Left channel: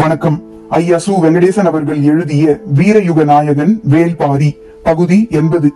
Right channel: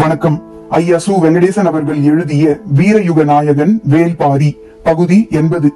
வணக்கம். ஐயா சு வெங்கடேசன் அவர்கள் எழுதிய வீரயுக நாயகன் வேல்பாரி பகுதி எண்பது.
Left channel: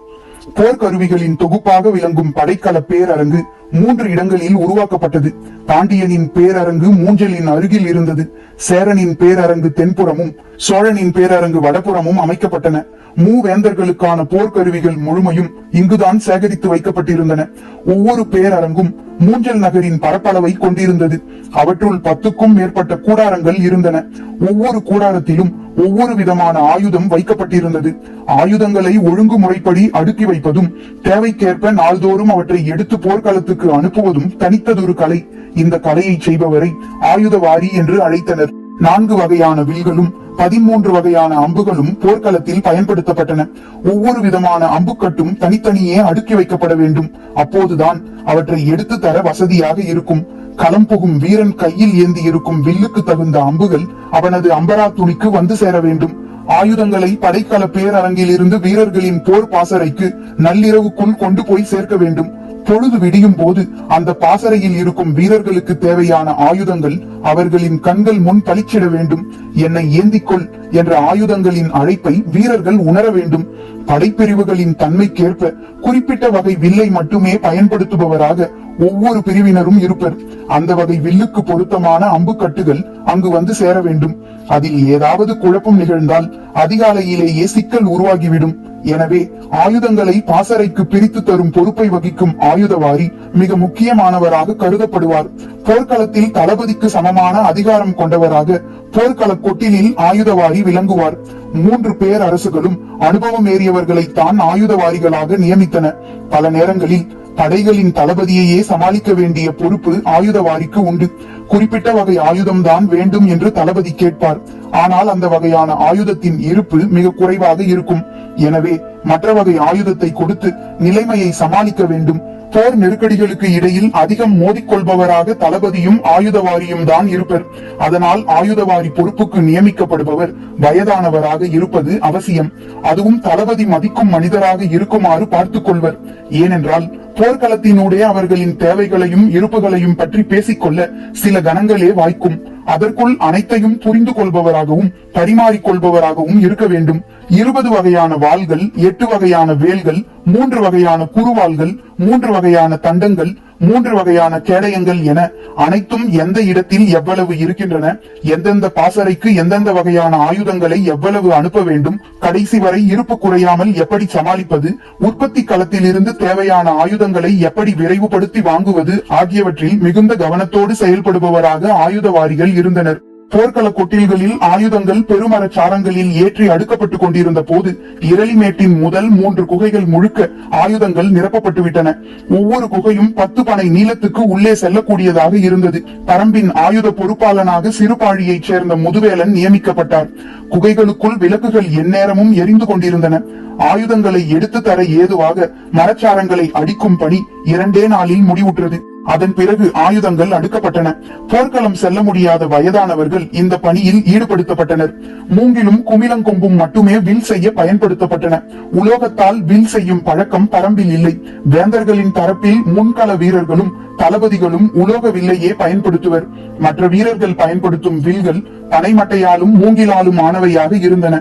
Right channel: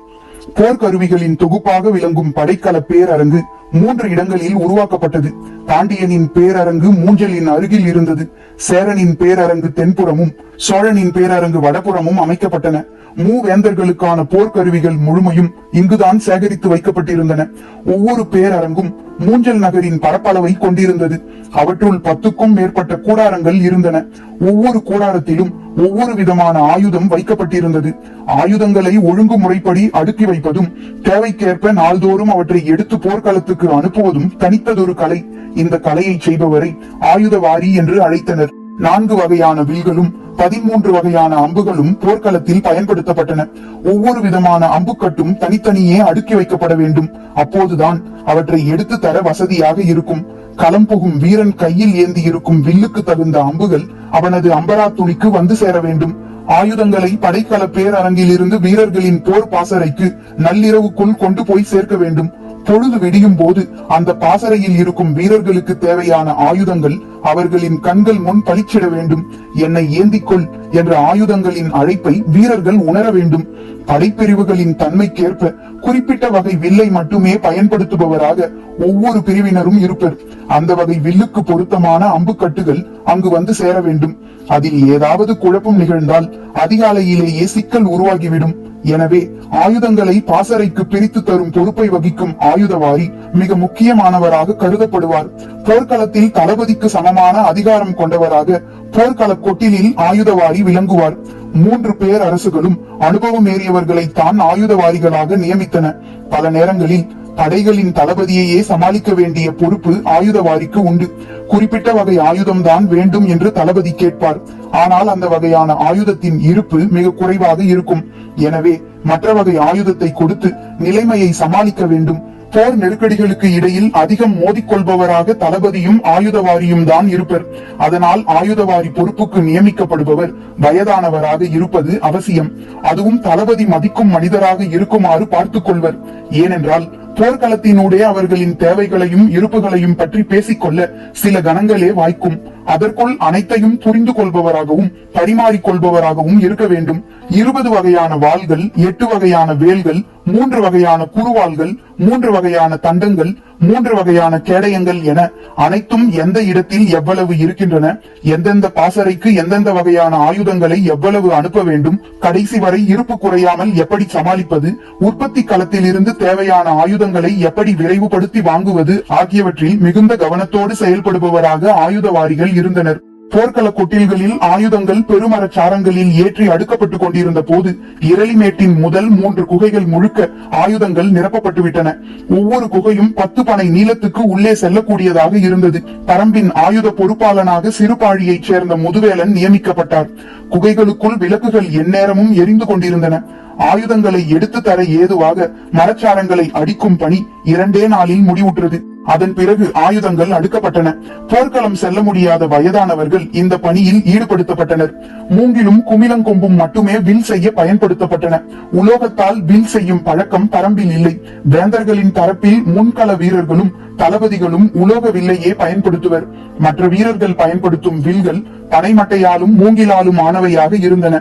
போர்க்கருவிகளின் தொகுப்பாக விளங்கும் படைக்கல பேரரங்கு மூன்று இடங்களில் உருவாக்கப்பட்டது. பாண்டியனின் பேரரங்கு மூஞ்சலின் அருகில் இருந்தது. சேரனின் பேரரங்கு தென்புறமும் சோழனின் பேரரங்கு வடபுறமும் அமைக்கப்பட்டன. மூவேந்தர்களுக்கான போர்க்கருவிகள் முழுமையும் இங்குதான் சேகரித்து வைக்கப்பட்டிருந்தன. ஒவ்வொரு பேரரங்கும் மூஞ்சல் நகரின் பரப்பளவை கொண்டிருந்தது. அவற்றுள் பத்துக்கும் மேற்பட்ட கூடாரங்கள் இருந்தன. ஒவ்வொரு கூடாரத்திலும் ஒவ்வொரு விதமான ஆயுதம் வைக்கப்பட்டிருந்தது. ஆயுதங்களை ஒழுங்குமுறைப்படி அடுக்கி வைப்பதும் தேவைக்கேற்ப நாள்தோறும் அவற்றை எடுத்து போர்க்களத்துக்கு அவர்களுக்கு அனுப்புவதும் தனித்ததொரு கலை. இந்த கலையை செய்பவரை ஆயுதவாரி என்று அழைத்தனர். நான்கு வகையான வில்களும் பதிமூன்று வகையான அம்புகளும் போர்க்களத்தில் பயன்படுத்தப்பட்டன. ஒவ்வொரு விதமான அம்புக்கட்டும் தனித்தனியே அடுக்கி வைக்கப்பட வேண்டும். அப்போதுதான் அவற்றை எடுத்து தர வசதியாக இருக்கும். களம் புகும் வீரன் கையில் ஏந்தி இருக்கும் வில்லுக்கு தகுந்த அம்புகள் அவனது அம்பரா துணிக்கு வந்து சேர வேண்டும். ஆயுதங்களை படைக்கல பேரரங்கிலிருந்து வீரர்களின் போர் பாசறைக்கு நள்ளிரவுக்குள் கொண்டு போய் சேர்க்க வேண்டும். பொழுது விடியும் போது அந்த பாசறையில் இருக்கும் வீரர்களுக்கு தேவையான ஆயுதங்கள் அவர்களின் கண்கள் முன் பளிச்சிட வேண்டும். என்னை ஏந்திக்கொள் என்ற ஆயுதங்களின் அழைப்பை வீரர்கள் உணர வேண்டும். படைப்பிரிவுகளின் தன்மைக்கேற்ப குறிப்பிட்ட வகை வில்லை மட்டுமே பயன்படுத்துபவராக ஒவ்வொரு பிரிவினரும் இருப்பர். அந்த வகை வில்லுக்கு பொருத்தமான அம்புக்கட்டுகள் அங்கு வந்து சேர வேண்டும். அதில் ஏதாவது குழப்பம் நிகழ்ந்தால் அதிகாலையிலேயே சிக்கல் உருவாகிவிடும். எனவே ஆயுதங்களை பாசறைக்கு பிரித்து தரும் பொறுப்பை வகிக்கும் ஆயுதவாரி மிக முக்கியமானவராக கருதப்படுவார். போர்க்களத்தில் தளபதிக்கு சமமான அதிகாரம் கொண்டவராக போர்க்கள கொட்டிலில் ஆயுதவாரி விளங்குவார். மூன்று பேர் அரசுகளும் அனுபவம் ஏறியவர்களை தான் ஆயுதவாரிகளாக நியமித்தன. பல நேரங்களில் படைகளின் தளபதியையே சமாளிக்க வேண்டிய பொறுப்பு ஆயுதவாரிக்கு உண்டு. குறிப்பிட்ட வகை ஆயுதம் தான் வேண்டும் என்று தளபதி கேட்பார். ஆனால் அந்த வகையான ஆயுதத்தின் இருப்பு மிக குறைவாக இருக்கும். எனவே மற்ற வகை ஆயுதத்தை கொடுத்து நிலைமையை சமாளிக்க வேண்டும். போர் நெருக்கடிகளுக்கு இடையில் அதிகம் மோதிக்கொள்பவராக தளபதியும் ஆயுதவாரியும் தான் இருப்பர். அதனால் ஆயுதவாரி பொறுப்புக்கு நியமிக்கப்படுபவர் வயதானவராக இருப்பது அவசியம். அதுவும் தளபதி மதிக்கும் மனிதராக இருக்குமாறு பார்த்துக் கொள்வர். ஏனென்றால் போர்க்களத்தினுடைய அவர்களின் தேவைகளையும் இருப்புகளையும் பற்றி பேசிக்கொள்ள சில கணங்களே வாய்க்கும். அதற்குள் அனைத்தையும் புரிந்து கொள்பவராகவும் பரிமாறிக்கொள்பவராகவும் இருக்க வேண்டும். இருபது வகையான வாள்கள் எட்டு வகையான வேல்கள் மூன்று வகையான குறுவாள்கள் மூன்று வகையான தண்டங்கள் மூன்று வகையான கேடயங்கள் என அனைத்தும் எந்த இடத்தில் எவ்வளவு இருக்கின்றன எந்தெந்த பாசறைக்கு எந்தெந்த வகையான ஆயுதங்களை எவ்வளவு அனுப்ப வேண்டும் கடைசி வரை இருப்பு குறையாமல் எப்படி சமாளிப்பது உற்பத்தி களத்தில் இருந்து தேவையான ஆயுதங்களை எப்படி விரைவுபடுத்தி வாங்குவது ஆகியவற்றில் மிகுந்த கவனத்தோடு செயல்படுபவராக ஆயுதவாரிகள் இருந்தனர். போர்க்கள கொட்டில்களில் ஆயுதங்கள் பெருமரச் சாரங்களில் ஏற்றி அடுக்கப்பட்டுக் கொண்டிருந்த போது இரளிமேட்டின் முதல் மூன்று குகைகள் முழுக்க ஆயுதங்கள் நிரப்பப்பட்டு விட்டன ஒவ்வொரு குகையும் பத்து பனை நீளத்துக்கு உள்ளே செல்லக்கூடியதாக இருந்தது. பரம்பின் ஆயுத பொறுப்பாளனாக சிறுபாழியைச் சேர்ந்த முதுவேலன் நியமிக்கப்பட்டார். குகைகளுக்குள் விளக்குகள் எந்நேரமும் எரிந்து கொண்டிருந்தன. ஆயுதங்களை எடுத்து தர ஏதுவாக மரச்சாரங்களை அடிக்கும் பணி இரண்டே நாளில் முடிவுற்றது. அதன் பிறகு ஆயுதங்கள் அடுக்கப்பட்டன. போர்க்களம் செல்ல முடியாத வயதானவர்கள் இந்த பணியில் ஈடுபடுத்தப்பட்டனர். மூங்கிலும் குமிலங்கொம்பும் மட்டுமே வில் செய்ய பயன்படுத்தப்பட்டன. உலோகத்தால் வில் செய்யும் பழக்கம் பரம்பில் இல்லை. வேந்தர்களின் தரப்பில் முன்கள வீரர்களும் தளபதிகளும் உலோக வில்லையே பயன்படுத்துவர். மற்ற வீரர்கள் பயன்படுத்தும் வில்கள் பனைமட்டையாலும் மூங்கிலாலும் ஆனவையாக இருந்தன.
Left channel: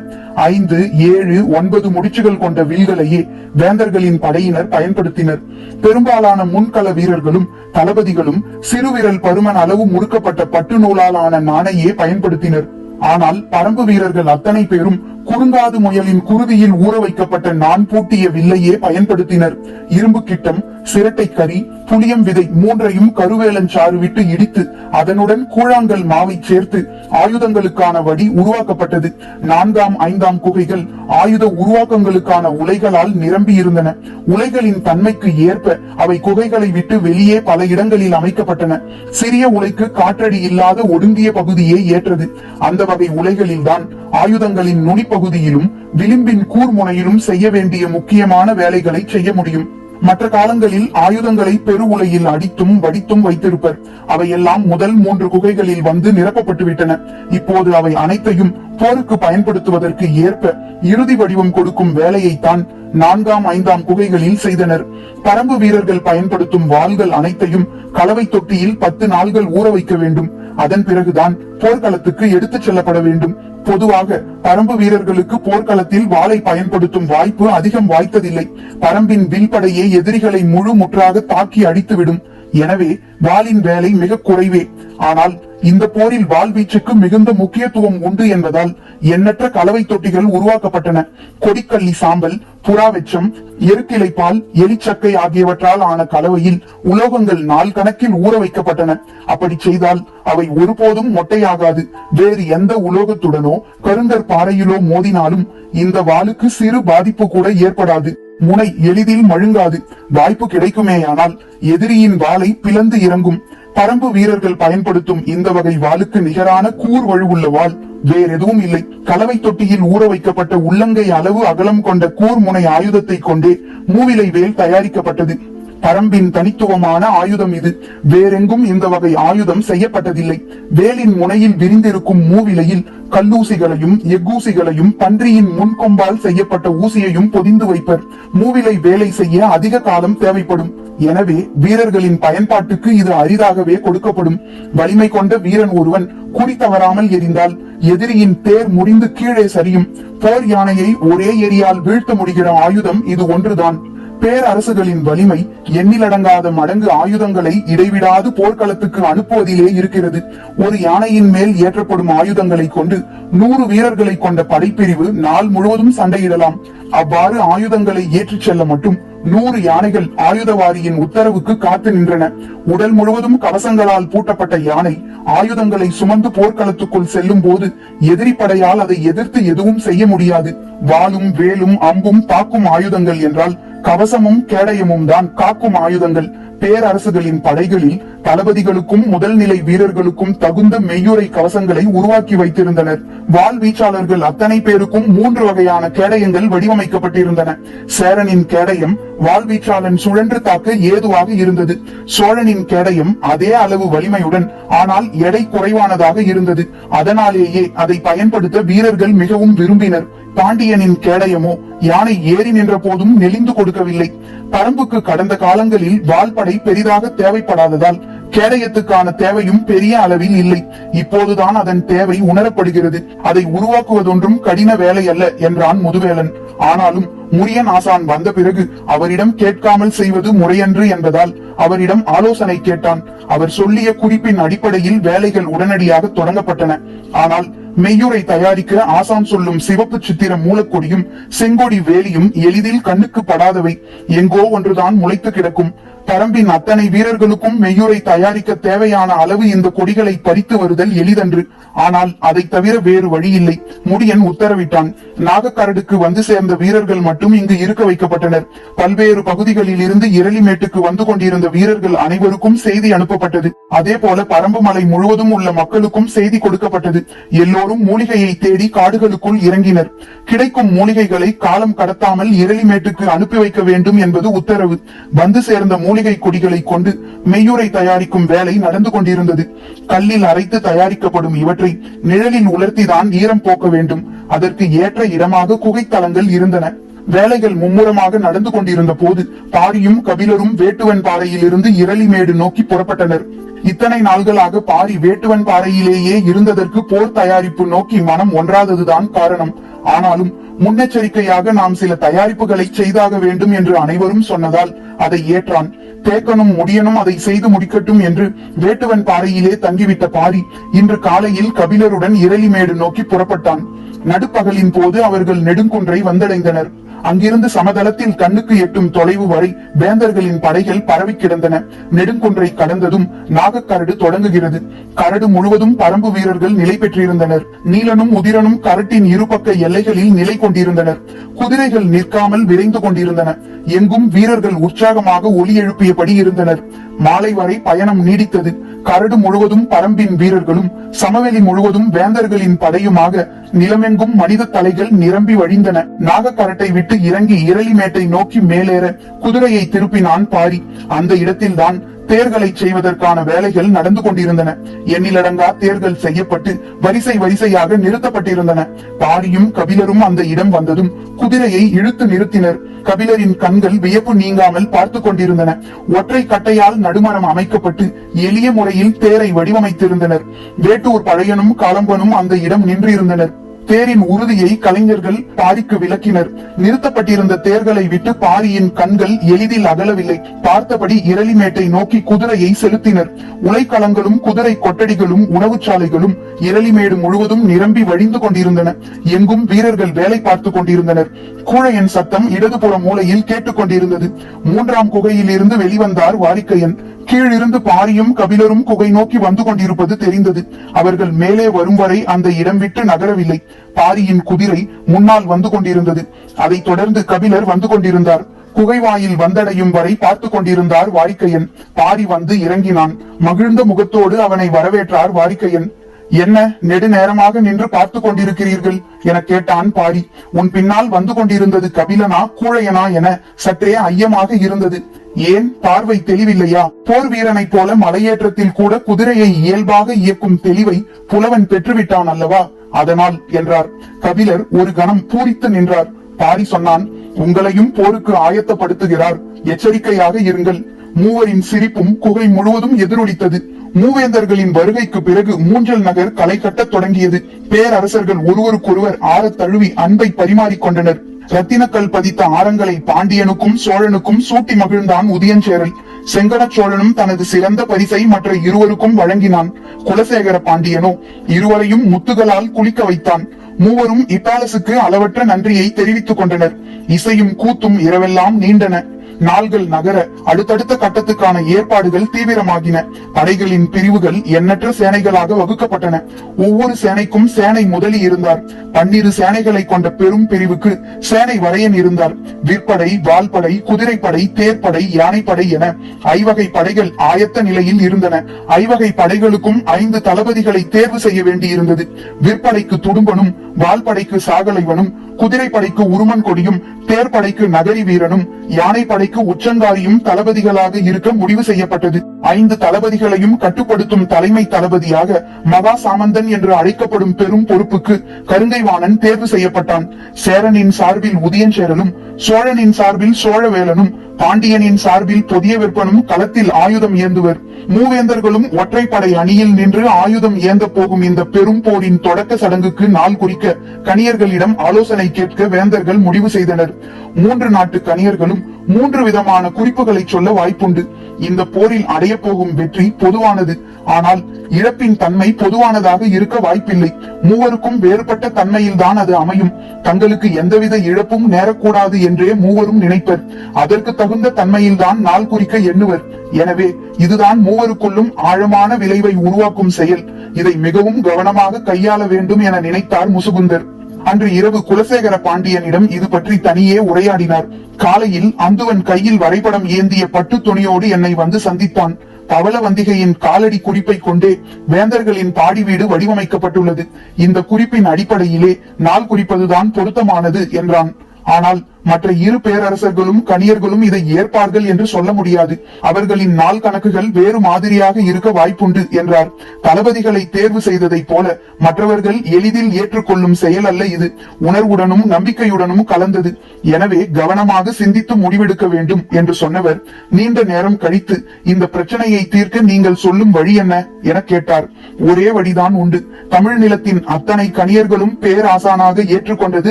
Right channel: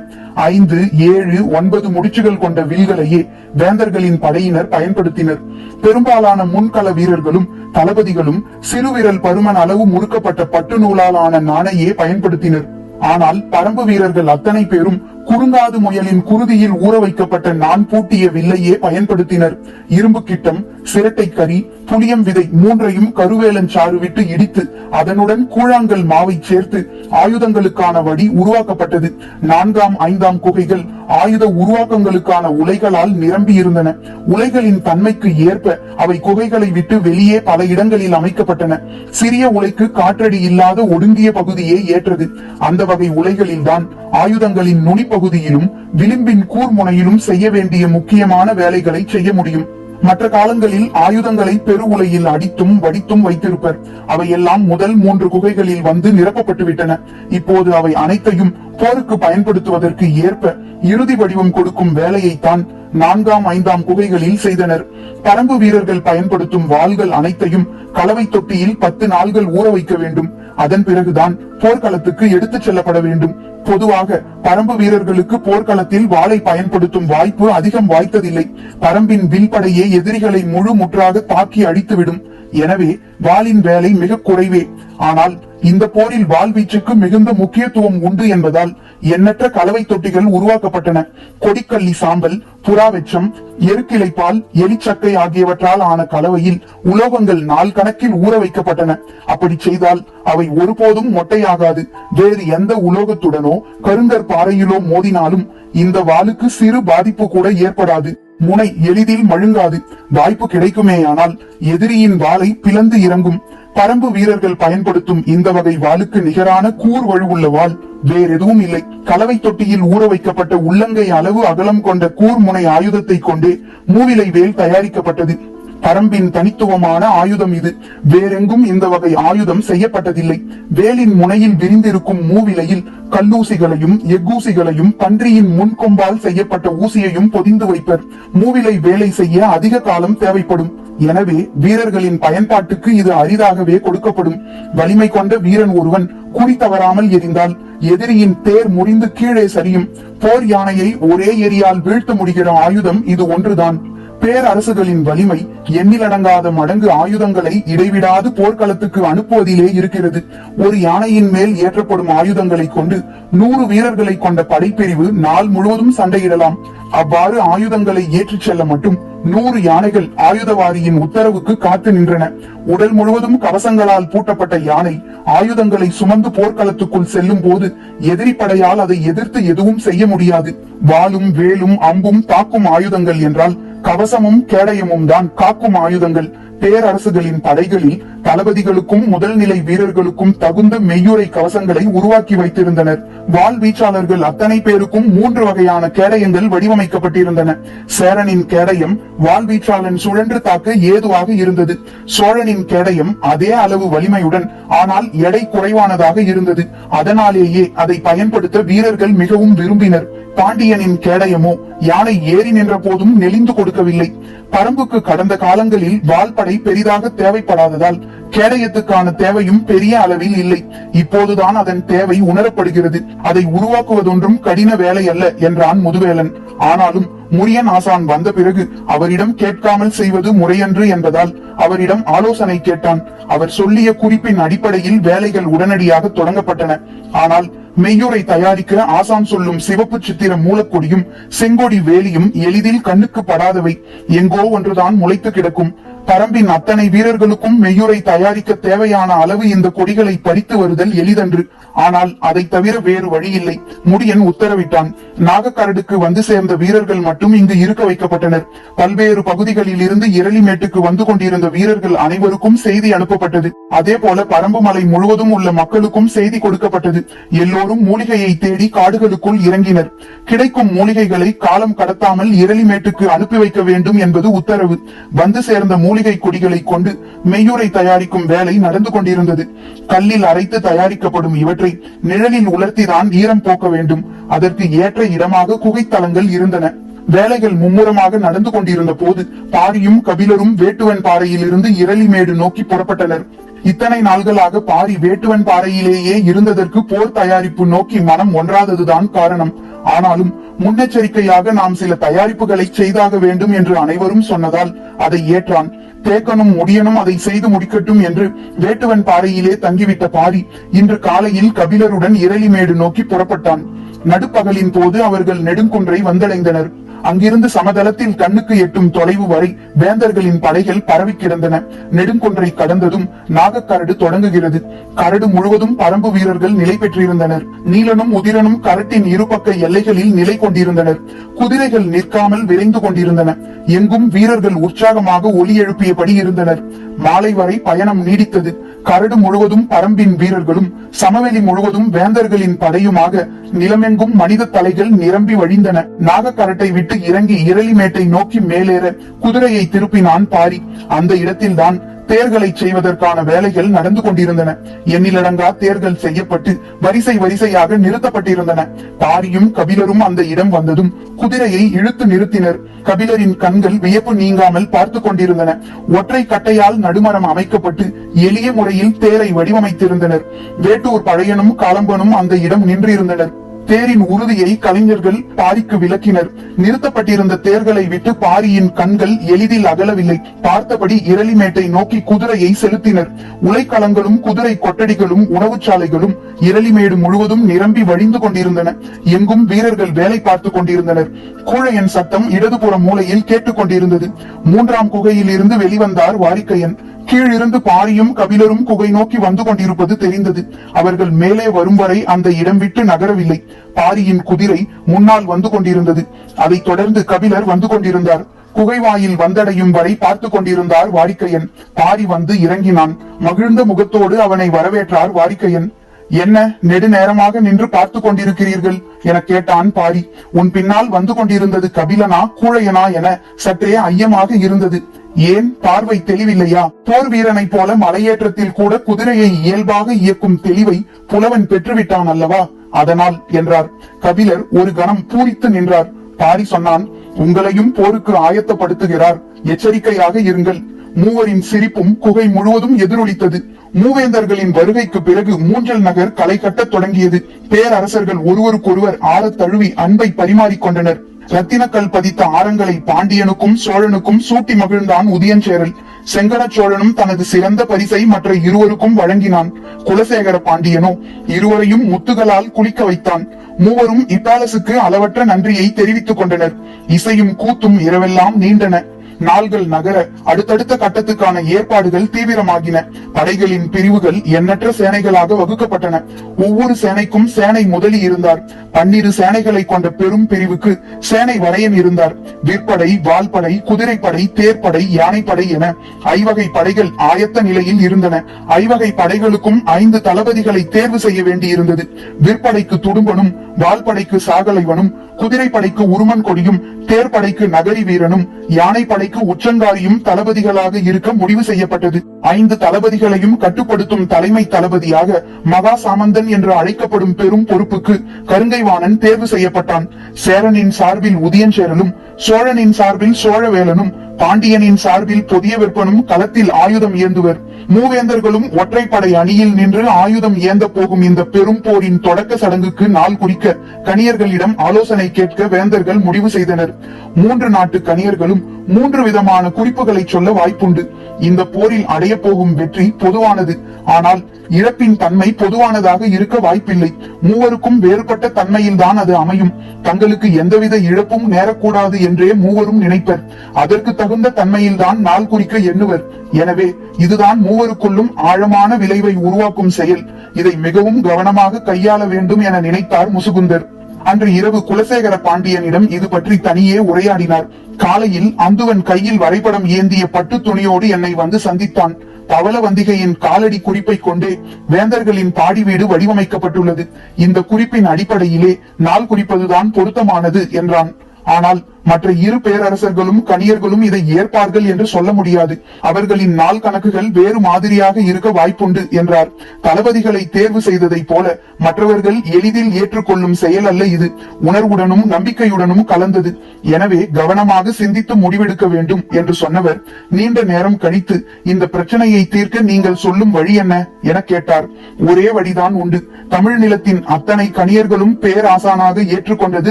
ஐந்து ஏழு ஒன்பது முடிச்சுகள் கொண்ட வில்களையே வேந்தர்களின் படையினர் பயன்படுத்தினர். பெரும்பாலான முன்கள வீரர்களும் தளபதிகளும் சிறுவிரல் பருமன் அளவு முறுக்கப்பட்ட பட்டு நூலால் ஆன நாணையே பயன்படுத்தினர். ஆனால் பரம்பு வீரர்கள் அத்தனை பேரும் குறுங்காது முயலின் குருதியில் ஊற வைக்கப்பட்ட நான் பூட்டிய வில்லையே பயன்படுத்தினர். இரும்பு கிட்டம் சிரட்டை கறி புளியம் விதை மூன்றையும் கருவேலன் சாறு விட்டு இடித்து அதனுடன் கூழாங்கல் மாவை சேர்த்து ஆயுதங்களுக்கான வடி உருவாக்கப்பட்டது. நான்காம் ஐந்தாம் குகைகள் ஆயுத உருவாக்கங்களுக்கான உலைகளால் நிரம்பி இருந்தன உலைகளின் தன்மைக்கு ஏற்ப அவை குகைகளை விட்டு வெளியே பல இடங்களில் அமைக்கப்பட்டன. சிறிய உலைக்கு காற்றடி இல்லாத ஒடுங்கிய பகுதியே ஏற்றது. அந்த வகை உலைகளில்தான் ஆயுதங்களின் நுனி நுனிப்பகுதியிலும் விளிம்பின் கூர்முனையிலும் செய்ய வேண்டிய முக்கியமான வேலைகளை செய்ய முடியும். மற்ற காலங்களில் ஆயுதங்களை பெரு உலையில் அடித்தும் வடித்தும் வைத்திருப்பர். அவையெல்லாம் முதல் மூன்று குகைகளில் வந்து நிரப்பப்பட்டு விட்டன இப்போது அவை அனைத்தையும் போருக்கு பயன்படுத்துவதற்கு ஏற்ப இறுதி வடிவம் கொடுக்கும் வேலையைத்தான் நான்காம் ஐந்தாம் குகைகளில் செய்தனர். பரம்பு வீரர்கள் பயன்படுத்தும் வாள்கள் அனைத்தையும் கலவை தொட்டியில் பத்து நாள்கள் ஊற வைக்க வேண்டும். அதன் பிறகுதான் போர்க்களத்துக்கு எடுத்துச் செல்லப்பட வேண்டும். பொதுவாக பரம்பு வீரர்களுக்கு போர்க்களத்தில் வாளை பயன்படுத்தும் வாய்ப்பு அதிகம் வாய்த்ததில்லை. பரம்பின் வில்படையே எதிரிகளை முழு முற்றாக தாக்கி அடித்துவிடும். எனவே வாளின் வேலை மிக குறைவே. ஆனால் இந்த போரில் வாழ்வீச்சுக்கு மிகுந்த முக்கியத்துவம் உண்டு என்பதால் எண்ணற்ற கலவை தொட்டிகள் உருவாக்கப்பட்டன. கொடிக்கள்ளி சாம்பல் புறாவெச்சம் எருக்கிளைப்பால் எலிச்சக்கை ஆகியவற்றால் ஆன கலவையில் உலோகங்கள் நாள் கணக்கில் ஊற வைக்கப்பட்டன. அப்படி செய்தால் அவை ஒருபோதும் மொட்டையாகாது. வேறு எந்த உலோகத்துடனோ கருங்கற் பாறையிலோ மோதினாலும் இந்த வாளுக்கு சிறு பாதிப்பு கூட ஏற்படாது. முனை எளிதில் மழுங்காது. வாய்ப்பு கிடைக்குமேயானால் எதிரியின் வாளை பிளந்து இறங்கும். பரம்பு வீரர்கள் பயன்படுத்தும் இந்த வகை வாளுக்கு நிகரான கூர் வலுவுள்ள வாள் வேறெதுவும் இல்லை. கலவை தொட்டியில் ஊற வைக்கப்பட்ட உள்ளங்கை அளவு அகலம் கொண்ட கூர் முனை ஆயுதத்தை கொண்டே மூவிலை வேல் தயாரிக்கப்பட்டது. பரம்பின் தனித்துவமான ஆயுதம் இது. வேறெங்கும் இந்த வகை ஆயுதம் செய்யப்பட்டதில்லை. வேலின் முனையில் விரிந்திருக்கும் மூவிலையில் கல்லூசிகளையும் எக்கூசிகளையும் பன்றியின் முன்கொம்பால் செய்யப்பட்ட ஊசியையும் பொதிந்து வைப்பர். மூவிலை வேலை செய்ய அதிக காலம் தேவைப்படும். எனவே வீரர்களின் பயன்பாட்டுக்கு இது அரிதாகவே கொடுக்கப்படும். வலிமை கொண்ட வீரன் ஒருவன் குறி தவறாமல் எரிந்தால் எதிரியின் தேர் முடிந்து கீழே சரியும். போர் யானையை ஒரே எரியால் வீழ்த்த முடிகிற ஆயுதம் இது ஒன்றுதான். பேரரசுகளின் வலிமை எண்ணிலடங்காத மடங்கு ஆயுதங்களை இடைவிடாது போர்க்களத்துக்கு அனுப்புவதிலே இருக்கிறது. ஒரு யானையின் மேல் ஏற்றப்படும் ஆயுதங்களை கொண்டு நூறு வீரர்களை கொண்ட படைப்பிரிவு நாள் முழுவதும் சண்டையிடலாம். அவ்வாறு ஆயுதங்களை ஏற்றிச் செல்ல மட்டும் நூறு யானைகள் ஆயுதவாரியின் உத்தரவுக்கு காத்து நின்றன. உடல் முழுவதும் கவசங்களால் பூட்டப்பட்ட யானை ஆயுதங்களை சுமந்து போர்க்களத்துக்குள் செல்லும் போது எதிரிப்படையால் அதை எதிர்த்து எதுவும் செய்ய முடியாது. வாளும் வேலும் அம்பும் தாக்கும் ஆயுதங்கள் என்றால் கவசமும் கேடயமும் தான் காக்கும் ஆயுதங்கள். பேரரசுகளின் படைகளில் தளபதிகளுக்கும் முதல் நிலை வீரர்களுக்கும் தகுந்த மெய்யுரை கவசங்களை உருவாக்கி வைத்திருந்தனர். வாள் வீச்சாளர்கள் அத்தனை பேருக்கும் மூன்று வகையான கேடயங்கள் வடிவமைக்கப்பட்டிருந்தன. சேரனின் கேடயம் வாள் வீச்சாளன் சுழன்று தாக்க ஏதுவாக இருந்தது. சோழனின் கேடயம் அதே அளவு வலிமையுடன் ஆனால் எடை குறைவானதாக இருந்தது. அதனாலேயே அதை பயன்படுத்த வீரர்கள் மிகவும் விரும்பினர். பாண்டியனின் கேடயமோ யானை ஏறி நின்ற போதும் நெளிந்து கொடுக்கவில்லை. பரம்புக்கு கடந்த காலங்களில் வால்படை பெரிதாக தேவைப்படாததால் கேடயத்துக்கான தேவையும் பெரிய அளவில் இல்லை. இப்போதுதான் அதன் தேவை உணரப்படுகிறது. அதை உருவாக்குவதொன்றும் கடின வேலை அல்ல என்றான் முதுவேலன். ஆனாலும் முரியன் ஆசான் வந்த பிறகு அவரிடம் கேட்காமல் செய்வது முறையன்று என்பதால் அவரிடம் ஆலோசனை கேட்டான். அவர் சொல்லிய குறிப்பின் அடிப்படையில் வேலைகள் உடனடியாக தொடங்கப்பட்டன. ஆனால் மெய்யுரை தயாரிக்க ஆசான் சொல்லும் சிவப்பு சித்திர மூலக்கொடியும் செங்கொடி வேலியும் எளிதில் கண்ணுக்கு படாதவை. எங்கோ ஒன்றுதான் முளைத்து கிடக்கும். பரம்பின் அத்தனை வீரர்களுக்கும் மெய்யுரை தயாரிக்க தேவையான அளவு இந்த கொடிகளை பறித்து வருதல் எளிதன்று. ஆனால் அதை தவிர வேறு வழியில்லை. முடியன் உத்தரவிட்டான். நாகக்கரடுக்கு வந்து சேர்ந்த வீரர்கள் மட்டும் இங்கு இருக்க வைக்கப்பட்டனர். பல்வேறு பகுதிகளில் இருந்து இரளிமேட்டுக்கு வந்து கொண்டிருந்த வீரர்கள் அனைவருக்கும் செய்தி அனுப்பப்பட்டது. அதே போல பரம்பு மலை முழுவதும் உள்ள மக்களுக்கும் செய்தி கொடுக்கப்பட்டது. எல்லோரும் மூலிகையை தேடி காடுகளுக்குள் இறங்கினர். கிடைக்கும் மூலிகைகளை காலம் கடத்தாமல் இரளிமேட்டுக்கு அனுப்பி வைக்க வேண்டும் என்பது உத்தரவு. வந்து சேர்ந்த மூலிகை கொடிகளை கொண்டு மெய்யுரை தயாரிக்கும் வேலை நடந்து கொண்டிருந்தது. கல்லில் அரைத்து தயாரிக்கப்படும் இவற்றை நிழலில் உலர்த்திதான் ஈரம் போக்க வேண்டும். அதற்கு ஏற்ற இடமாக குகைத்தலங்கள் இருந்தன. வேலைகள் மும்முரமாக நடந்து கொண்டிருந்த போது பாரியும் கபிலரும் வேட்டுவன் பாறையிலிருந்து இரளிமேடு நோக்கி புறப்பட்டனர். இத்தனை நாள்களாக பாரி வேட்டுவன் பாறையிலேயே இருந்ததற்கு போர் தயாரிப்பு நோக்கி மனம் ஒன்றாததுதான் காரணம். ஆனாலும் முன்னெச்சரிக்கையாக நாம் சில தயாரிப்புகளை செய்தாக வேண்டும் என்று அனைவரும் சொன்னதால் அதை ஏற்றான். தேக்கனும் முடியனும் அதை செய்து முடிக்கட்டும் என்று வேட்டுவன் பாறையிலே தங்கிவிட்ட பாரி இன்று காலையில் கபிலருடன் இரளிமேடு நோக்கி புறப்பட்டான். நடுப்பகலின் போது அவர்கள் நெடுங்குன்றை வந்தடைந்தனர். அங்கிருந்து சமதளத்தின் கண்ணுக்கு எட்டும் தொலைவு வரை வேந்தர்களின் படைகள் பரவி கிடந்தன. நெடுங்குன்றை கடந்ததும் நாகக்கரடு தொடங்குகிறது. கரடு முழுவதும் பரம்பு வீரர்கள் நிலை பெற்றிருந்தனர். நீலனும் உதிரனும் கரட்டின் இருபக்க எல்லைகளில் நிலை கொண்டிருந்தனர். குதிரைகள் நிற்காமல் விரைந்து கொண்டிருந்தன. எங்கும் வீரர்கள் உற்சாகமாக ஒலி எழுப்பியபடி இருந்தனர். மாலை வரை பயணம் நீடித்தது. கரடு முழுவதும் பரம்பின் வீரர்களும் சமவெளி முழுவதும் வேந்தர்களின் படையுமாக நிலமெங்கும் மனித தலைகள் நிரம்பி வழிந்தன. நாகக்கரட்டை விட்டு இறங்கி இரளிமேட்டை நோக்கி மேலேற குதிரையை திருப்பினான் பாரி. அந்த இடத்தில்தான் தேர்களை செய்வதற்கான வேலைகள் நடந்து கொண்டிருந்தன. எண்ணிலடங்கா தேர்கள் செய்யப்பட்டு வரிசை வரிசையாக நிறுத்தப்பட்டிருந்தன. பாரியும் கபிலரும் அந்த இடம் வந்ததும் குதிரையை இழுத்து நிறுத்தினர். கபிலரின் கண்கள் வியப்பு நீங்காமல் பார்த்து கொண்டிருந்தன. ஒற்றை கட்டையால் நடுமரம் அமைக்கப்பட்டு எளிய முறையில் தேரை வடிவமைத்திருந்தனர். வேட்டூர் பழையனும் காலம்பனும் அந்த இடம் நின்றிருந்தனர். தேரின் உறுதியை கலைஞர்கள் பாரிக்கு விளக்கினர். நிறுத்தப்பட்டிருந்த தேர்களை விட்டு பாரியின் கண்கள் எளிதில் அகலவில்லை. பார்த்தபடி இரளிமேட்டை நோக்கி குதிரையை செலுத்தினர். உலைக்களங்களும் குதிரை கொட்டடிகளும் உணவுச்சாலைகளும் இரளிமேடு முழுவதும் நிரம்பி வழிந்து கொண்டிருந்தன. எங்கும் வீரர்கள் வேலை பார்த்து கொண்டிருந்தனர். கூழையன் சத்தம் இடதுபுற மூலையில் கேட்டுக் கொண்டிருந்தது. மூன்றாம் குகையில் இருந்து வெளிவந்தார் வாரிக்கையன். கீழிருந்து பாரியும் கபிலரும் குகை நோக்கி வந்து கொண்டிருப்பது தெரிந்தது. அவர்கள் மேலே வரும் வரை அந்த இடம் விட்டு நகரவில்லை. பாரியின் குதிரை முன்னால் வந்து கொண்டிருந்தது. அதைத் தொடர்ந்து கபிலர் வந்து கொண்டிருந்தார். குகைவாயில் வந்தடையும் வரை பார்த்து கொண்டிருந்தார் வாரிக்கையன் பாரி வந்து இறங்கினான். மகிழ்ந்த முகத்தோடு அவனை வரவேற்றார் வாரிக்கையன் என்ன நெடுநேரமாக நின்று பார்த்து கொண்டிருக்கிறீர்கள்? என கேட்டான் பாரி உன் பின்னால் வந்து கொண்டிருந்தது கபிலனா கூழையனா என சற்றே ஐயமாக இருந்தது. ஏன் பார்வை தெளிவில்லையா? போர் வீரனைப் போல மலையேற்றத்தில் கூட குதிரையை இயல்பாக இயக்கும் தெளிவை புலவன் பெற்றுவிட்டான் அல்லவா? அதனால் என்றார். கபிலர் ஒரு கணம் பூரித்து நின்றார். பாரி சொன்னான் உங்களையும் போருக்கு ஆயத்தப்படுத்துகிறார். எச்சரிக்கையாக இருங்கள். மூவரின் சிரிப்பும் குகை முழுவதும் எதிரொலித்தது. மூவேந்தர்களின் வருகைக்கு பிறகு மூஞ்சல் நகர் களை கட்டத் தொடங்கியது. பேரரசர்கள் ஒருவருக்கொருவர் ஆற தழுவி அன்பை பரிமாறிக்கொண்டனர் ரத்தினக்கல் பதித்த ஆரங்களை பாண்டியனுக்கும் சோழனுக்கும் சூட்டி மகிழ்ந்தான் உதயஞ்சேரல் செங்கன சோழனும் தனது சிறந்த பரிசை மற்ற இருவருக்கும் வழங்கினான். குலசேகர பாண்டியனோ இருவரையும் முத்துகளால் குளிக்க வைத்தான். மூவரும் இத்தாலசுக்கு அளவற்ற நன்றியை தெரிவித்துக் கொண்டனர். இசையும் கூத்தும் இரவெல்லாம் நீண்டன. நாள்கள் நகர அடுத்தடுத்த கட்டத்துக்கான ஏற்பாடுகள் தீவிரமாகின. படைகளின் பிரிவுகள் எண்ணற்ற சேனைகளாக வகுக்கப்பட்டன. ஒவ்வொரு சேனைக்கும் சேனை முதலி இருந்தார். பன்னிரு சேனைகளை கொண்ட பெரும் பிரிவுக்கு சேனை வரையன் இருந்தார். விற்படை வால்படை குதிரைப்படை தேர்ப்படை யானைப்படை என ஐவகை படைகள் ஆயத்த நிலையில் இருந்தன. ஐவகை படைகளுக்கும் ஐந்து தளபதிகளை தேர்வு செய்ய வேண்டியிருந்தது. விற்படைக்கு துடும்பனும் வால்படைக்கு சாகலைவனும் குதிரை படைக்கு உருமன் கொடியும் தேர் படைக்கு நகரி வீரனும் யானை படைக்கு உச்சங்காரியும் தளபதிகளாக இருக்க முடிவு செய்யப்பட்டது. ஐந்து தளபதிகளையும் கட்டுப்படுத்தும் தலைமை தளபதியாக மகா சாமந்தன் என்று அழைக்கப்படும் பெரும் பொறுப்புக்கு கருங்கைவாணன் தேர்வு செய்யப்பட்டான். சேரனின் சார்பில் உதயன் உதயஞ்சேரலும் சோழனின் சார்பில் சோழவேலனும் பாண்டியனின் சார்பில் புதிய விற்பனும் களத்தில் ஆயுதம் ஏந்துவர். மூவேந்தர்களும் ஒற்றைப்படை அணியில் நின்று ஆயுதம் ஏந்த போகும் இந்த பெரும் போரின் தொடக்க சடங்குக்கு நாள் குறிக்க கணியர்களிடம் ஆலோசனை கேட்க வேந்தர்கள் முடிவு செய்தனர். மூன்று நாட்டு கணியர்களும் மூன்று விதமான குறிப்புகளை சொல்ல வாய்ப்புண்டு. இந்த போரில் அடைய போகும் வெற்றி பொதுவானது. ஆனால் இழப்பின் தன்மை பொதுவானதாக இருக்க வாய்ப்பில்லை. மூவருக்கும் வேறுபட்ட தன்மையில் தான் அது அமையும். தங்களுக்கு எந்தவித இழப்பும் நேரக்கூடாது என்றே மூவரும் நினைப்பர். அதற்கு தகுந்த தன்மையில்தான் நாள் குறிக்க எண்ணுவர். எனவே இதுதான் மூவருக்குள்ளும் ஆழமான விளைவை உருவாக்கும் செயல். இதை மிகவும் கவனமாக கையாள வேண்டும் என நினைத்தார் முசுகுந்தர். அன்று இரவு குலசேகர பாண்டியனிடம் இது பற்றி தனியே உரையாடினார். காலையில் அந்துவன் கையில் வரைபடம் ஏந்திய பட்டு துணியோடு என்னை வந்து சந்தித்தான். பவளவந்திகையின் காலடி குறிப்பை கொண்டே வேந்தர்களின் பாடி வீடு வடிவமைக்கப்பட்டுள்ளது. இந்த குறிப்பின் அடிப்படையிலே நாள் குறிப்பதுதான் பொருத்தமானது என்றான். ஆனால் மற்ற இரு பேரரசர்களும் கணியர்களும் இதை ஏற்பார்கள் என்று சொல்ல முடியாது. அவர்களின் நாள் கணக்குகள் வேறு மாதிரியாக இருக்க வாய்ப்புண்டு என்றார். தளபதிகளை தேர்வு செய்ததைப் போல மற்றவர்கள் எளிதில் ஏற்றுக்கொள்ளும் செயல் அல்ல இது. உணர்வுடனும் நம்பிக்கையுடனும் கலந்தது. எனவே கவனமாக சிந்தித்து முடிவெடுக்க வேண்டும் என்று சொன்னவர். நீண்ட நேரம் கழித்து இந்த பிரச்சனையை தீர்க்க நீங்கள் சொல்லும் வழி என்ன? என கேட்டார். ஒரே வழிதான் உண்டு. தமிழ் நிலத்தின் அத்தனை கணியர்களும் பேராசானாக ஏற்றுக்கொண்டது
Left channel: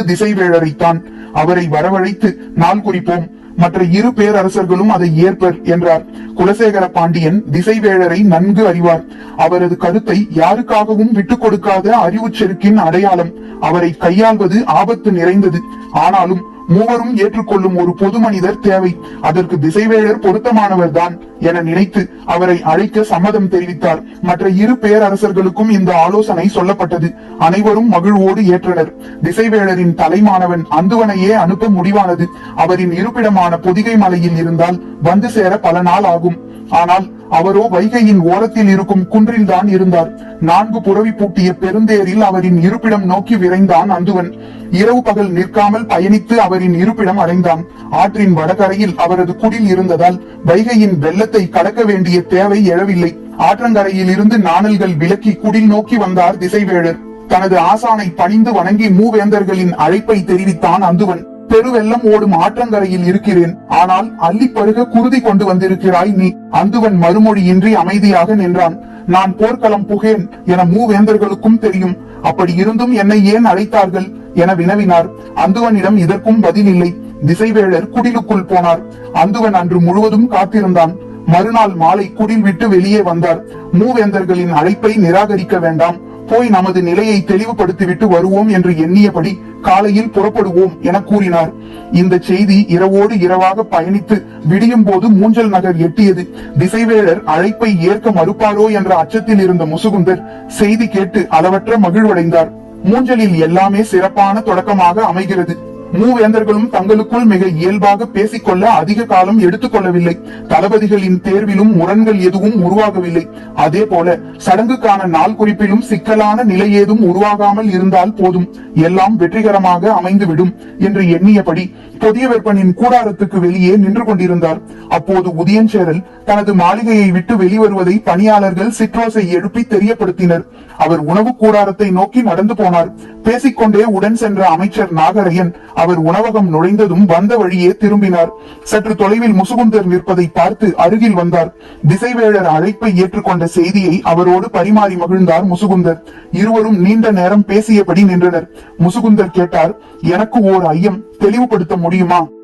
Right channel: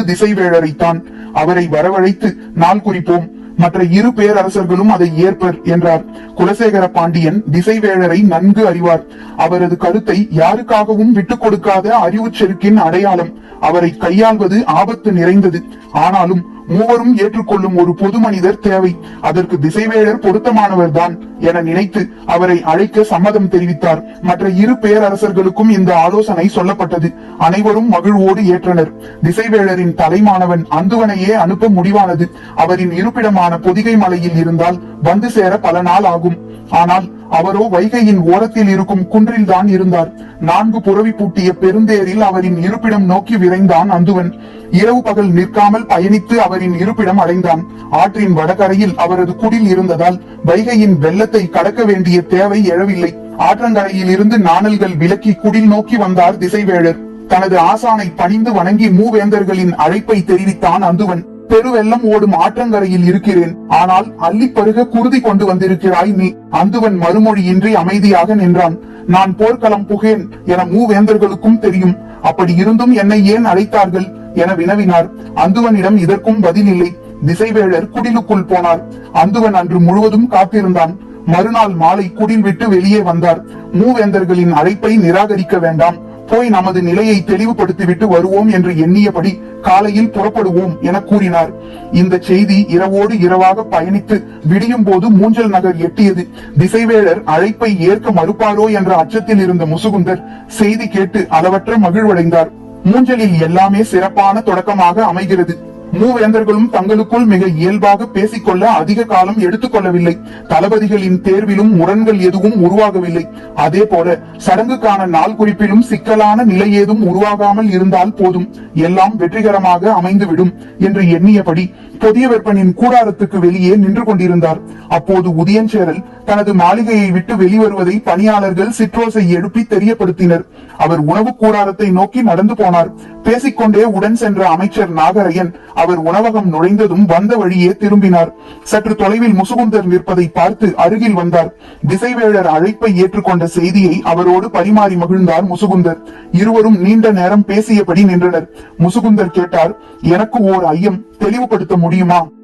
திசைவேழரைத்தான். அவரை வரவழைத்து நாள் குறிப்போம். மற்ற இரு பேரரசர்களும் அதை ஏற்பர் என்றார். குலசேகர பாண்டியன் திசைவேழரை நன்கு அறிவார். அவரது கருத்தை யாருக்காகவும் விட்டுக் கொடுக்காத அறிவு செருக்கின் அடையாளம் அவரை கையாள்வது ஆபத்து நிறைந்தது. ஆனாலும் மூவரும் ஏற்றுக்கொள்ளும் ஒரு பொது மனிதர் தேவை. அதற்கு திசைவேழர் பொருத்தமானவர் தான் என நினைத்து அவரை அழைக்க சம்மதம் தெரிவித்தார். மற்ற இரு பேரரசர்களுக்கும் இந்த ஆலோசனை சொல்லப்பட்டது. அனைவரும் மகிழ்வோடு ஏற்றனர். திசைவேழரின் தலைமானவன் அந்துவனையே அனுப்ப முடிவானது. அவரின் இருப்பிடமான பொதிகை மலையில் இருந்தால் வந்து சேர பல நாள் ஆகும். ஆனால் அவரோ வைகையின் ஓரத்தில் இருக்கும் குன்றில்தான் இருந்தார். நான்கு புறவி பூட்டிய பெருந்தேரில் அவரின் இருப்பிடம் நோக்கி விரைந்தான் அந்துவன் இரவு பகல் நிற்காமல் பயணித்து அவரின் இருப்பிடம் அடைந்தான். ஆற்றின் வடகரையில் அவரது குடில் இருந்ததால் வைகையின் வெள்ளத்தை கடக்க வேண்டிய தேவை எழவில்லை. ஆற்றங்கரையில் இருந்து நாணல்கள் விலக்கி குடில் நோக்கி வந்தார் திசைவேழர் தனது ஆசானை பணிந்து வணங்கி மூவேந்தர்களின் அழைப்பை தெரிவித்தான் அந்துவன் பெருவெள்ளம் ஓடும் ஆற்றங்கரையில் இருக்கிறேன். ஆனால் அள்ளி பருக குருதி கொண்டு வந்திருக்கிறாய் நீ. அந்துவன் மறுமொழியின்றி அமைதியாக நின்றான். நான் போர்க்களம் புகேன் என மூவேந்தர்களுக்கும் தெரியும். அப்படி இருந்தும் என்னை ஏன் அழைத்தார்கள்? என வினவினார். அந்துவனிடம் இதற்கும் பதில் இல்லை திசைவேழர் குடிலுக்குள் போனார். அந்துவன் அன்று முழுவதும் காத்திருந்தான். மறுநாள் மாலை குடில் விட்டு வெளியே வந்தார். மூவேந்தர்களின் அழைப்பை நிராகரிக்க வேண்டாம். போய் நமது நிலையை தெளிவுபடுத்திவிட்டு வருவோம் என்று எண்ணியபடி காலையில் புறப்படுவோம் என கூறினார். இந்த செய்தி இரவோடு இரவாக பயணித்து விடியும் போது மூஞ்சல் நகர் எட்டியது. திசைவேழர் அழைப்பை ஏற்க மறுப்பாரோ என்ற அச்சத்தில் இருந்த முசுகுந்தர் செய்தி கேட்டு அளவற்ற மகிழ்வடைந்தார். மூஞ்சலில் எல்லாமே சிறப்பான தொடக்கமாக அமைகிறது. மூவேந்தர்களும் தங்களுக்குள் மிக இயல்பாக பேசிக்கொள்ள அதிக காலம் எடுத்துக்கொள்ளவில்லை. தளபதிகளின் தேர்விலும் முரண்கள் எதுவும் உருவாகவில்லை. அதே போல சடங்குக்கான நாள் குறிப்பிலும் சிக்கலான நிலை ஏதும் உருவாகாமல் இருந்தால் போதும். எல்லாம் வெற்றிகரமாக அமைந்துவிடும் என்று எண்ணியபடி புதிய வெப்பனின் கூடாரத்துக்கு வெளியே நின்று கொண்டிருந்தார். அப்போது உதயஞ்சேரல் தனது மாளிகையை விட்டு வெளிவருவதை பணியாளர்கள் சிற்றோசை எழுப்பி தெரியப்படுத்தினர். அவர் உணவு கூடாரத்தை நோக்கி நடந்து போனார். பேசிக்கொண்டே உடன் சென்ற அமைச்சர் நாகரையன் அவர் உணவகம் நுழைந்ததும் வந்த வழியே திரும்பினார். சற்று தொலைவில் முசுகுந்தர் நிற்பதை பார்த்து அருகில் வந்தார். திசைவேழர் அழைப்பை ஏற்றுக்கொண்ட செய்தியை அவரோடு பரிமாறி மகிழ்ந்தார் முசுகுந்தர். இருவரும் நீண்ட நேரம் பேசியபடி நின்றனர். முசுகுந்தர் கேட்டார் எனக்கு ஓர் ஐயம் தெளிவுபடுத்த முடியும்?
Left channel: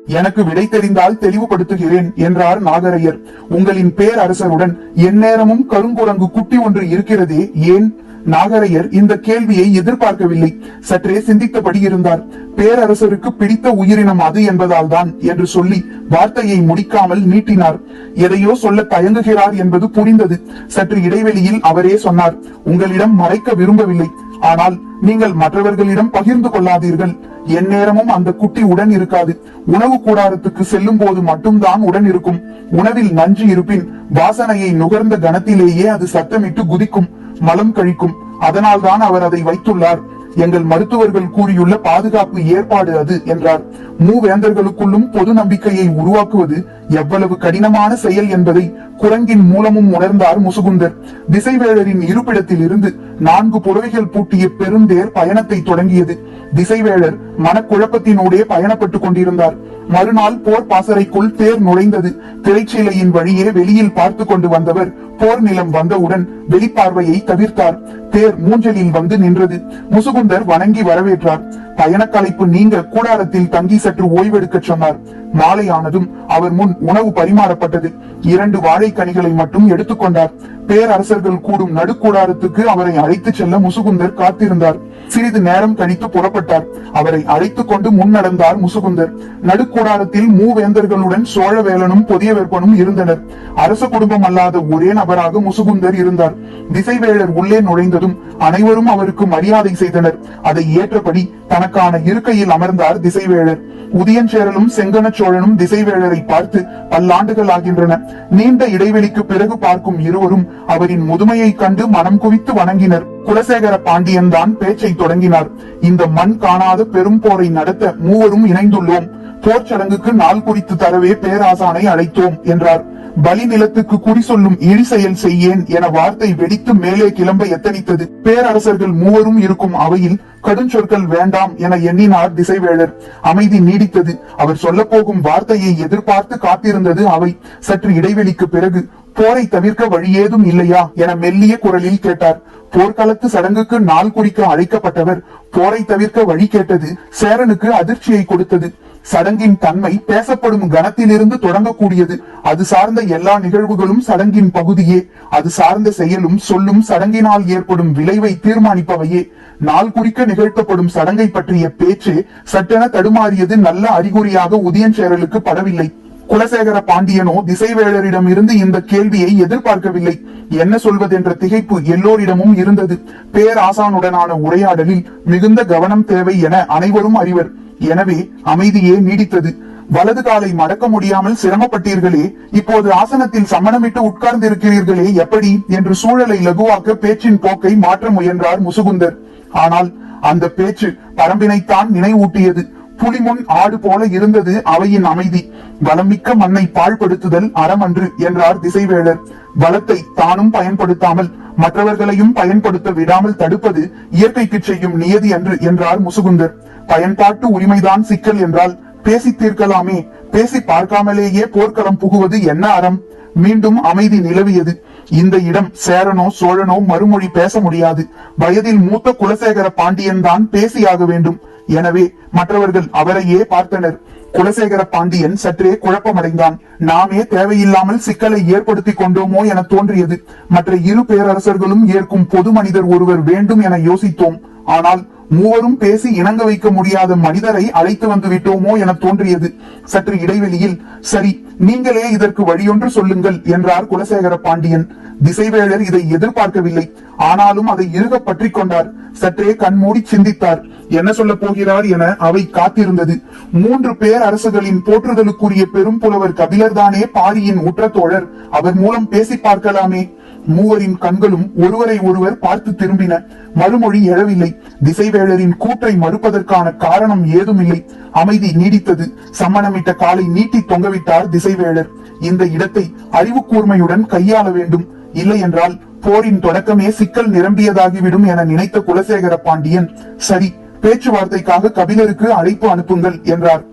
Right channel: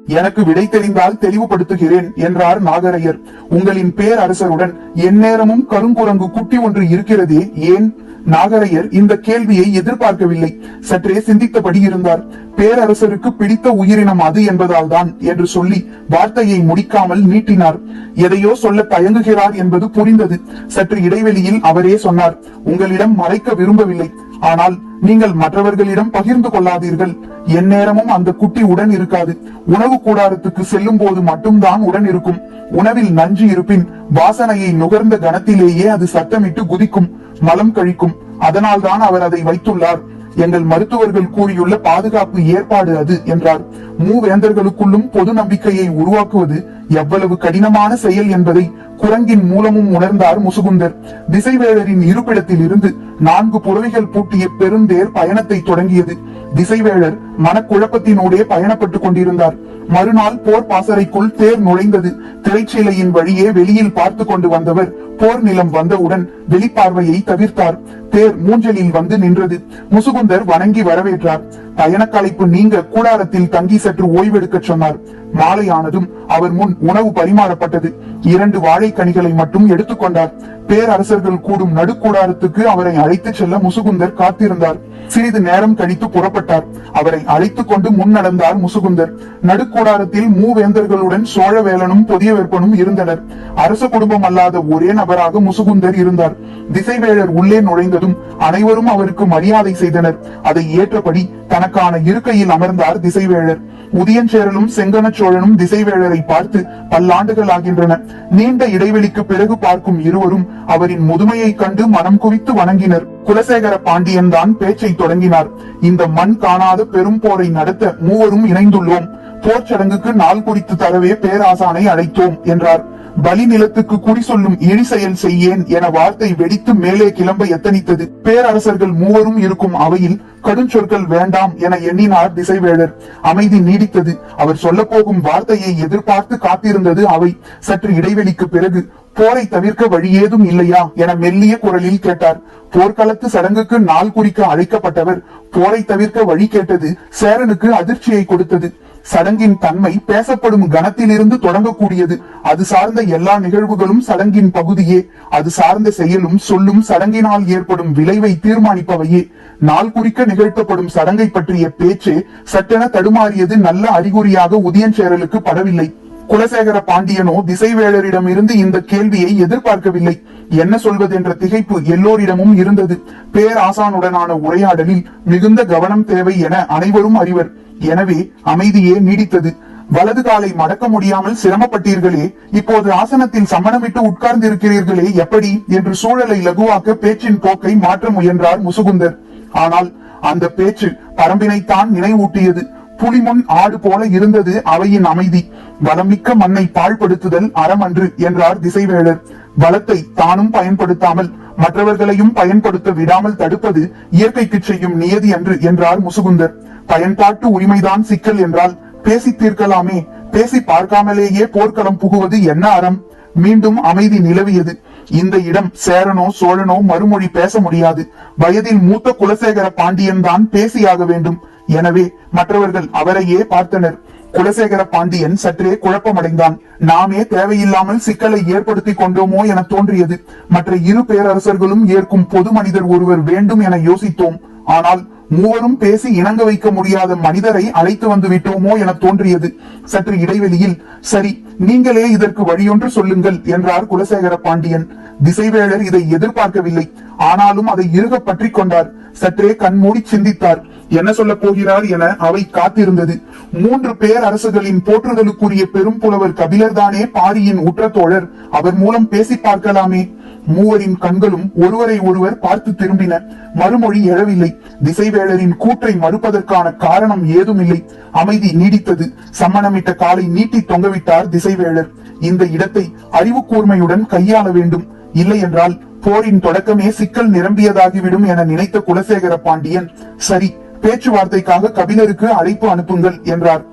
எனக்கு விடை தெரிந்தால் தெளிவுபடுத்துகிறேன் என்றார் நாகரையர். உங்களின் பேரரசருடன் எந்நேரமும் கருங்குரங்கு குட்டி ஒன்று இருக்கிறதே ஏன்? நாகரையர் இந்த கேள்வியை எதிர்பார்க்கவில்லை. சற்றே சிந்தித்தபடி இருந்தார். பேரரசருக்கு பிடித்த உயிரினம் அது என்பதால் தான் என்று சொல்லி வார்த்தையை முடிக்காமல் நீட்டினார். எதையோ சொல்ல தயங்குகிறார் என்பது புரிந்தது. சற்று இடைவெளியில் அவரே சொன்னார் உங்களிடம் மறைக்க விரும்பவில்லை. ஆனால் நீங்கள் மற்றவர்களிடம் பகிர்ந்து கொள்ளாதீர்கள். எந்நேரமும் அந்த குட்டி உடன் இருக்காது. உணவு கூடாரத்துக்கு செல்லும் போது மட்டும்தான் உடன் இருக்கும். உணவில் நஞ்சு இருப்பின் வாசனையை நுகர்ந்த கணத்திலேயே அது சத்தமிட்டு குதிக்கும் மலம் கழிக்கும். அதனால்தான் அவர் அதை வைத்துள்ளார். எங்கள் மருத்துவர்கள் கூறியுள்ள பாதுகாப்பு ஏற்பாடு அது என்றார். மூவேந்தர்களுக்குள்ளும் பொது நம்பிக்கையை உருவாக்குவது எவ்வளவு கடினமான செயல் என்பதை குரங்கின் மூலமும் உணர்ந்தார் முசுகுந்தர். திசைவேழரின் இருப்பிடத்தில் இருந்து நான்கு புறவைகள் பூட்டிய பெருந்தேர் பயணத்தை தொடங்கியது. திசைவேழர் மனக்குழப்பத்தினூடே பயணப்பட்டுக் கொண்டிருந்தார். மறுநாள் போர் பாசறைக்குள் தேர் நுழைந்தது. திரைச்சீலையின் வழியே வெளியில் பார்த்து கொண்டு வந்தவர் போர் நிலம் வந்தவுடன் வெளிப்பார்வையை தவிர்த்தார். தேர் மூஞ்சலில் வந்து நின்றது. முசுகுந்தர் வணங்கி வரவேற்றார். பயணக்கலைப்பு நீங்க கூடாரத்தில் தங்கி சற்று ஓய்வெடுக்க சொன்னார். மாலை ஆனதும் அவர் முன் உணவு பரிமாறப்பட்டது. இரண்டு வாழைக்கனிகளை மட்டும் எடுத்துக்கொண்டார் பேரரசர்கள் கூடும் நடுக்கூடாரத்துக்கு அவரை அழைத்துச் செல்ல முசுகுந்தர் காத்திருந்தார். சிறிது நேரம் கழித்து புறப்பட்டார். அவரை அழைத்துக் கொண்டு முன்னடந்தார் முசுகுந்தர். நடுக்கூடாரத்தில் மூவேந்தர்களுடன் சோழவேலனும் புதிய இருந்தனர். அரச குடும்பம் அல்லாத ஒரே நபராக முசுகுந்தர் இருந்தார். திசைவேளர் உள்ளே நுழைந்ததும் அனைவரும் அவருக்கு மரியாதை செய்தனர். அதை ஏற்றபடி தனக்கான இருக்கையில் அமர்ந்தார் திசைவேளர் உதயன் சேரலும் செங்கன சோழனும் திசைவேளரை பார்த்து பல்லாண்டுகள் ஆகின்றன நீண்ட இடைவெளிக்கு பிறகு பார்க்கும் இருவரும் அவரின் முதுமையை கண்டு மனம் குவித்து வணங்கினர். குலசேகர பாண்டியன் தான் பேச்சை தொடங்கினார். இந்த மண் காணாத பெரும் போரை நடத்த மூவரும் இணைந்துள்ளோம். போர் சடங்குக்கு நாள் குறித்து தரவே பேராசானை அழைத்தோம் என்றார். பலி நிலத்துக்கு குறி சொல்லும் இழி செயல் செய்யேன் என வார்த்தை வெடித்து மேலே கிளம்ப எத்தனித்தது. பேரரசர்கள் மூவரும் இருக்கும் அவையில் கடுஞ்சொற்கள் வேண்டாம் என எண்ணினார் திசைவேளர் அமைதி நீடித்தது. அவர் சொல்ல போகும் வார்த்தையை எதிர்பார்த்து காத்திருந்தது அவை. சற்று இடைவெளிக்கு பிறகு போரை தவிர்க்க வழியேதும் இல்லையா என மெல்லிய குரலில் கேட்டார். போர்க்களத்து சடங்குக்கு நாள் குறிக்க அழைக்கப்பட்டவர் போரை தவிர்க்க வழி கேட்டது சேரனுக்கு அதிர்ச்சியை கொடுத்தது. சடங்கின் தன்மை பேசப்படும் கணத்திலிருந்து தொடங்கக்கூடியது. அது சார்ந்த எல்லா நிகழ்வுகளும் சடங்கின் பகுதியே. அது சார்ந்த செயலும் சொல்லும் சடங்கினால் ஏற்படும் விளைவை தீர்மானிப்பவையே. நாள் குறிக்க நிகழ்த்தப்படும் சடங்கை பற்றிய பேச்சு சட்டென தடுமாறியது நல்ல அறிகுறியாக உதயஞ்சேரலுக்கு படவில்லை குலசேகர பாண்டியனோ திசைவேழரிடம் இருந்து இந்த கேள்வியை எதிர்பார்க்கவில்லை. என்ன சொல்வது என்ற திகைப்பு எல்லோரிடமும் இருந்தது. பேராசானுடனான உரையாடலில் மிகுந்த கவனம் தேவை என அனைவரும் அறிவர். எனவே அமைதியே நீடித்தது. வலது காலை மடக்க முடியாமல் சிரமப்பட்டீர்களே இப்போது ஆசனத்தில் சமணமிட்டு உட்கார்ந்து இருக்கிறீர்களே எப்படி? என்று சூழலை லகுவாக்க பேச்சின் போக்கை மாற்ற முயன்றார் முசுகுந்தர். ஆனால் அந்த பேச்சு பரம்பினைத்தான் நினைவூட்டியது. புலிமுன் ஆடு போல இருந்தது அவையின் அமைதி. வளமிக்க மண்ணை பாழ்படுத்துதல் அறமன்று என்றார் திசைவேளர். பலத்தை தானும் பயன்படுத்தாமல் மற்றவர்களையும் பயன்படுத்த விடாமல் தடுப்பது இயற்கைக்கு செய்யும் நியதி அன்று என்றார் முசுகுந்தர். பயன்பாட்டு உரிமைதான் சிக்கல் என்றால் பேசி தீர்க்கலாமே. பேசி பார்க்காமலேயே போர்க்களம் புகுவது என்ன அறம்? மீண்டும் அமைதி நிலவியது. இந்த இடம் சேரனோ சோழனோ மறுமொழி பேச முடியாது. வயதில் மூத்த குலசேகர பாண்டியன் தான் பேசியாக வேண்டும். எனவே மற்றவர்கள் அவரையே பார்த்தனர். குலசேகர பாண்டியன் சற்றே குழப்பமடைந்தான். நாமே தேவையில்லாமல் சிக்கலை ஏற்படுத்தி கொண்டோமோ என தோன்றியது. மற்ற இரு பேரரசர்களும் ஏற்கும் பொது மனிதர் ஒருவர் வேண்டும் என யோசித்தோம். ஆனால் மூவரும் பேசி இணங்க வைக்க முடியாத மனிதரை அழைத்து வந்து விட்டோமோ என தோன்றியது. சற்று இடைவெளியில் சரி நீங்களே இதற்கு வழியொன்று சொல்லுங்கள் என்றார் குலசேகர பாண்டியன். திசைவேளர் இதை எதிர்பார்க்கவில்லை. ஆனாலும் அதை இறுக பற்றி கொண்டார். சற்றே கண்மூடி சிந்தித்தார். என்ன சொல்ல போகிறார் என அவை காத்திருந்தது. மூன்று பேர் அரசுகளின் போற்றுதலுக்குரிய பெரும் புலவர் கபிலர்தானே பாரியின் உற்ற தோழர். அவர் மூலம் பேசி பார்க்கலாமே. மூவரின் கண்களும் ஒருவரை ஒருவர் பார்த்து திரும்பின. மறுமொழி எழவில்லை. திசைவேளரின் கூற்றை மறுப்பதற்கான காரணம் ஏதுமில்லை. அமைதி நீடித்தது. சம்மணமிட்ட காலை நீட்டி தொங்கவிட்டார் திசைவேளர் இந்த இடத்தை அறிவு கூர்மையுடன் கையாள வேண்டும். இல்லை என்றால் போரின் தொடக்கமே சிக்கல் நிரம்பியதாகிவிடும் என நினைத்த குலசேகர பாண்டியன் சரி பேச்சுவார்த்தைக்காக கபிலருக்கு அழைப்பு அனுப்புங்கள் என்றார்.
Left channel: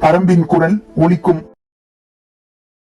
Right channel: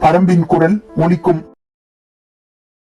பரம்பின் குரல் ஒலிக்கும்.